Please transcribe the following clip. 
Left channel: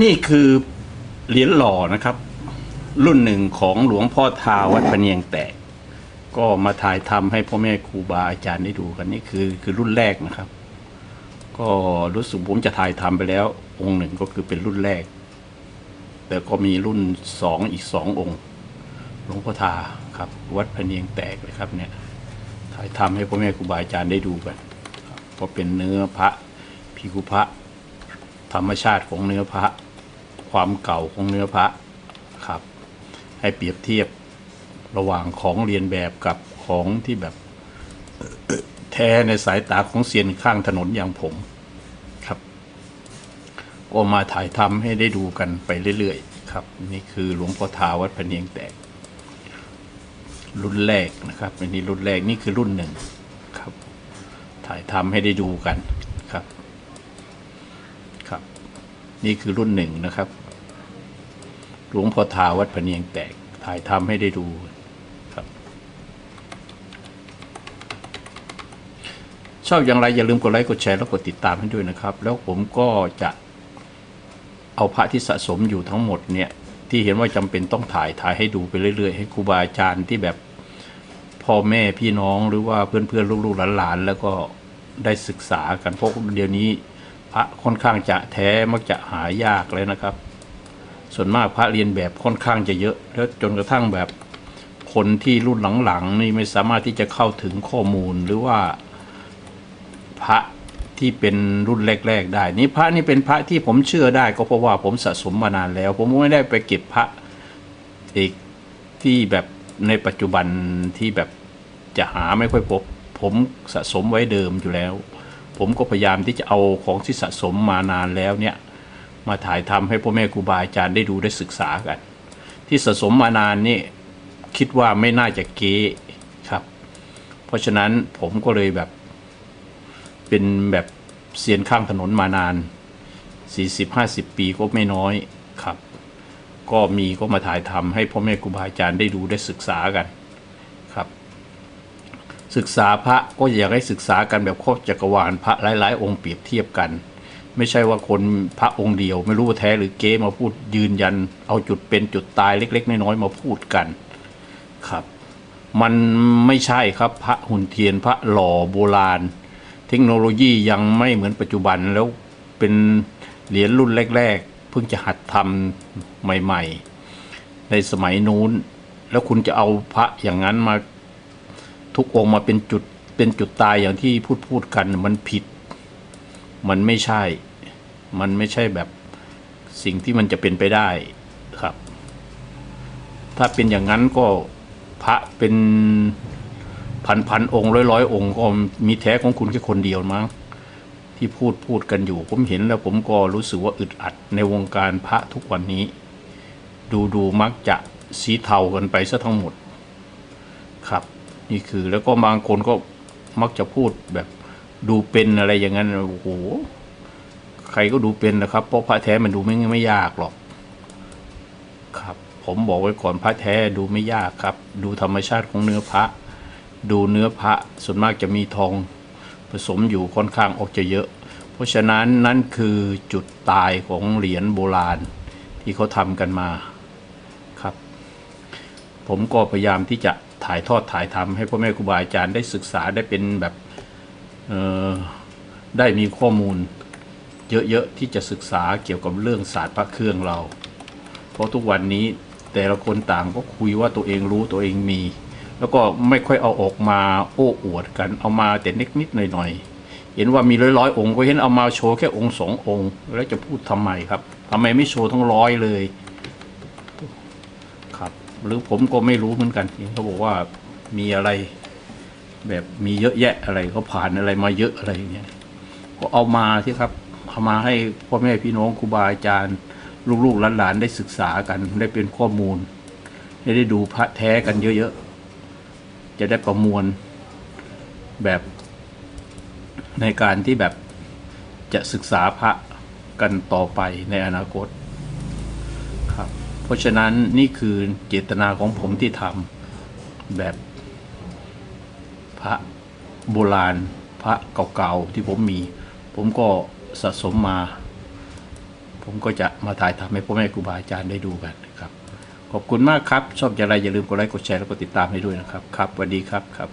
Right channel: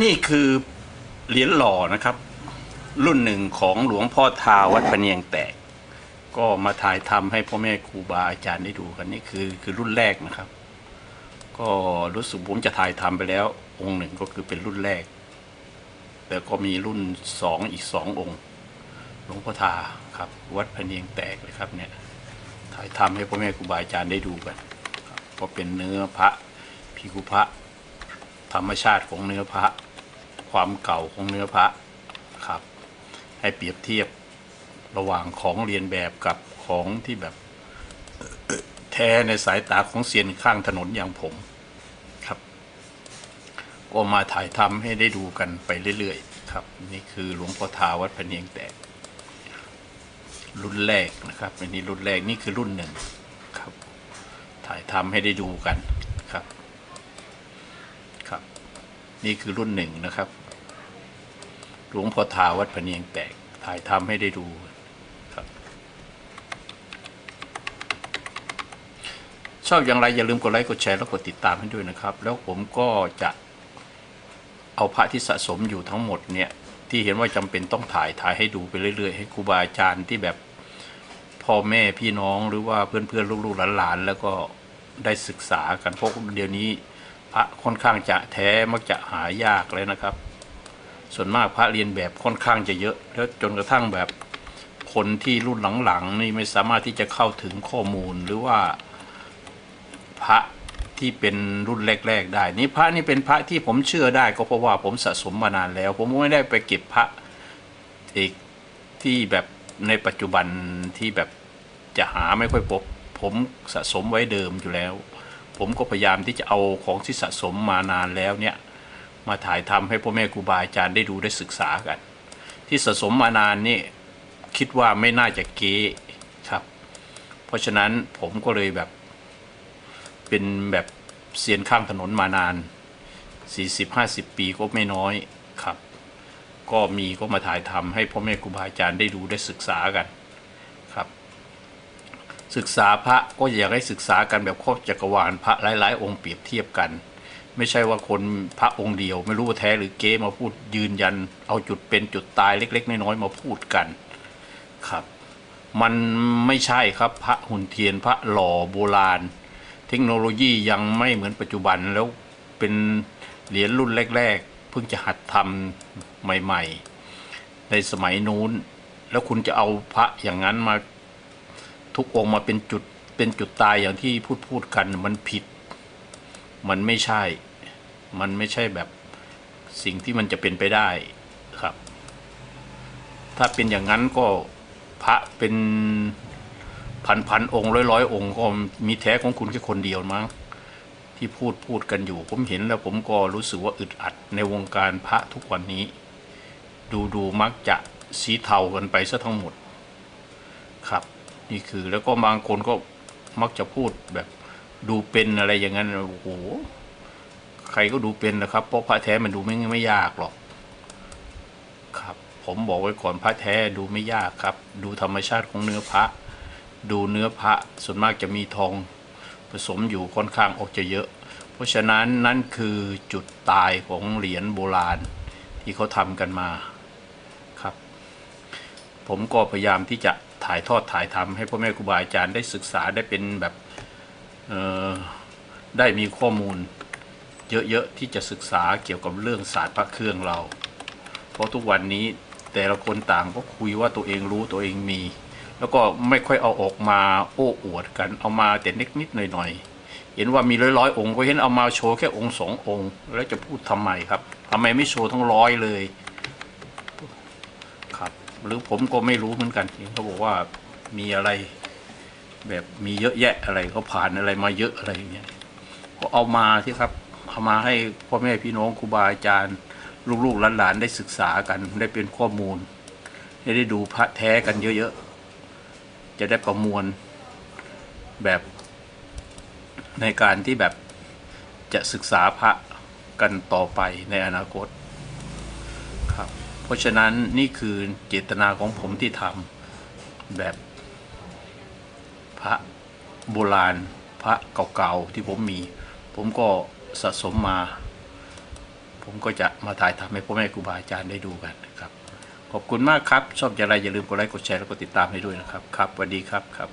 นี่คือเหรียญหล่อนะครับ รุ่นหนึ่งของหลวงพ่อทาวัดพเนียงแตก ก็มาถ่ายทำให้พ่อแม่ครูบาอาจารย์ได้ดูกันนี่คือคือรุ่นแรกนะครับ ก็รู้สึกผมจะถ่ายทำไปแล้ว องค์หนึ่งก็คือเป็นรุ่นแรก แต่ก็มีรุ่นสองอีกสององค์หลวงพ่อทาครับ วัดพเนียงแตกเลยครับเนี่ยถ่ายทำให้พ่อแม่ครูบาอาจารย์ได้ดูกันครับก็เป็นเนื้อพระพิคุพระ ธรรมชาติของเนื้อพระ ความเก่าของเนื้อพระครับ ให้เปรียบเทียบระหว่างของเรียนแบบกับของที่แบบแท้ในสายตาของเซียนข้างถนนอย่างผมครับก็มาถ่ายทำให้ได้ดูกันไปเรื่อยๆ ครับ นี่คือหลวงพ่อทาวัดพเนียงแตก รุ่นแรกนะครับอันนี้รุ่นแรกนี่คือรุ่นหนึ่งครับ ถ่ายทำให้ได้ดูกันครับ นี่คือรุ่นหนึ่งนะครับ หลวงพ่อทาวัดพเนียงแตก ถ่ายทำให้ได้ดูครับ ชอบอย่างไรอย่าลืมกดไลค์กดแชร์แล้วกดติดตามให้ด้วยนะครับ แล้วผมก็จะเอาพระที่สะสมอยู่ทั้งหมดเนี่ยที่เห็นว่าจำเป็นต้องถ่ายถ่ายให้ดูไปเรื่อยๆ ให้ครูบาอาจารย์ที่แบบพ่อแม่พี่น้องหรือว่าเพื่อนๆลูกๆหลานๆแล้วก็ได้ศึกษากันเพราะเดี๋ยวนี้ พระค่อนข้างจะแท้มักจะหายากเลยนะครับ ส่วนมากพระเรียนแบบค่อนข้างจะเยอะ แล้วจนกระทั่งแบบคนที่รุ่นหลังๆนี่ไม่สามารถที่จะเข้าถึงข้อมูลหรือว่าพระที่เป็นรุ่นแรก ๆ ได้ นี่พระนี่เป็นพระที่ผมเชื่อได้ก็เพราะว่าผมสะสมมานานแล้ว ผมไม่ได้ไปเก็บพระอีกที่แบบในปัจจุบันที่แบบจะหาไม่ค่อยพบ ผมสะสมไว้เดิมอยู่แล้ว ผมก็พยายามที่จะเอาของที่สะสมมานานแล้วเนี่ยมาถ่ายทำให้พ่อแม่ครูบาอาจารย์ได้ดูได้ศึกษากัน ที่สะสมมานานนี่คิดว่าไม่น่าจะเก๊ครับ เพราะฉะนั้นผมก็เลยแบบเป็นแบบเซียนข้างถนนมานาน 40-50 ปีก็ไม่น้อยครับ ก็มีก็มาถ่ายทำให้พ่อแม่ครูบาอาจารย์ได้ดูได้ศึกษากัน ศึกษาพระก็อยากให้ศึกษากันแบบครอบจักรวาลพระหลายๆ องค์เปรียบเทียบกัน ไม่ใช่ว่าคนพระองค์เดียว ไม่รู้แท้หรือเก๊มาพูดยืนยัน เอาจุดเป็นจุดตายเล็ก ๆ น้อยๆมาพูดกันครับ มันไม่ใช่ครับพระหุ่นเทียนพระหล่อโบราณ เทคโนโลยียังไม่เหมือนปัจจุบันแล้วเป็นเหรียญรุ่นแรก ๆ เพิ่งจะหัดทำใหม่ ๆ ในสมัยนู้น แล้วคุณจะเอาพระอย่างนั้นมา ทุกองค์มาเป็นจุดเป็นจุดตายอย่างที่พูดพูดกันมันผิด มันไม่ใช่ มันไม่ใช่แบบสิ่งที่มันจะเป็นไปได้ครับ ถ้าเป็นอย่างนั้นก็พระเป็นพันพันองค์ร้อยร้อยองค์ก็มีแท้ของคุณแค่คนเดียวมั้งที่พูดพูดกันอยู่ ผมเห็นแล้วผมก็รู้สึกว่าอึดอัดในวงการพระทุกวันนี้ ดูดูมักจะสีเทากันไปซะทั้งหมดครับ นี่คือแล้วก็บางคนก็มักจะพูดแบบดูเป็นอะไรอย่างนั้นโอ้โหใครก็ดูเป็นนะครับเพราะพระแท้มันดูไม่ไม่ยากหรอกครับ ผมบอกไว้ก่อนพระแท้ดูไม่ยากครับ ดูธรรมชาติของเนื้อพระ ดูเนื้อพระส่วนมากจะมีทองผสมอยู่ค่อนข้างออกจะเยอะ เพราะฉะนั้นนั่นคือจุดตายของเหรียญโบราณที่เขาทำกันมาครับ ผมก็พยายามที่จะ ถ่ายทอดถ่ายทำให้พ่อแม่ครูบาอาจารย์ได้ศึกษาได้เป็นแบบได้มีข้อมูลเยอะๆที่จะศึกษาเกี่ยวกับเรื่องศาสตร์พระเครื่องเรา เพราะทุกวันนี้แต่ละคนต่างก็คุยว่าตัวเองรู้ตัวเองมี แล้วก็ไม่ค่อยเอาออกมาโอ้อวดกันเอามาแต่นิดนิดๆหน่อยหน่อยๆ เห็นว่ามีร้อยร้อยๆองค์ก็เห็นเอามาโชว์แค่องค์สององค์ แล้วจะพูดทำไมครับทำไมไม่โชว์ทั้งร้อยเลย หรือผมก็ไม่รู้เหมือนกันเขาบอกว่ามีอะไร แบบมีเยอะแยะอะไรเขาผ่านอะไรมาเยอะอะไรอย่างเงี้ยก็เอามาที่ครับเอามาให้พ่อแม่พี่น้องครูบาอาจารย์ ลูกๆหลานๆได้ศึกษากันได้เป็นข้อมูลให้ได้ดูพระแท้กันเยอะๆจะได้ประมวลแบบในการที่แบบจะศึกษาพระกันต่อไปในอนาคต เพราะฉะนั้นนี่คือเจตนาของผมที่ทำแบบพระโบราณพระเก่าๆที่ผมมี ผมก็สะสมมา ผมก็จะมาถ่ายทำให้พ่อแม่ครูบาอาจารย์ได้ดูกันนะครับ ขอบคุณมากครับ ชอบอย่างไรอย่าลืมกดไลค์กดแชร์แล้วก็ติดตามให้ด้วยนะครับ ครับสวัสดีครับครับ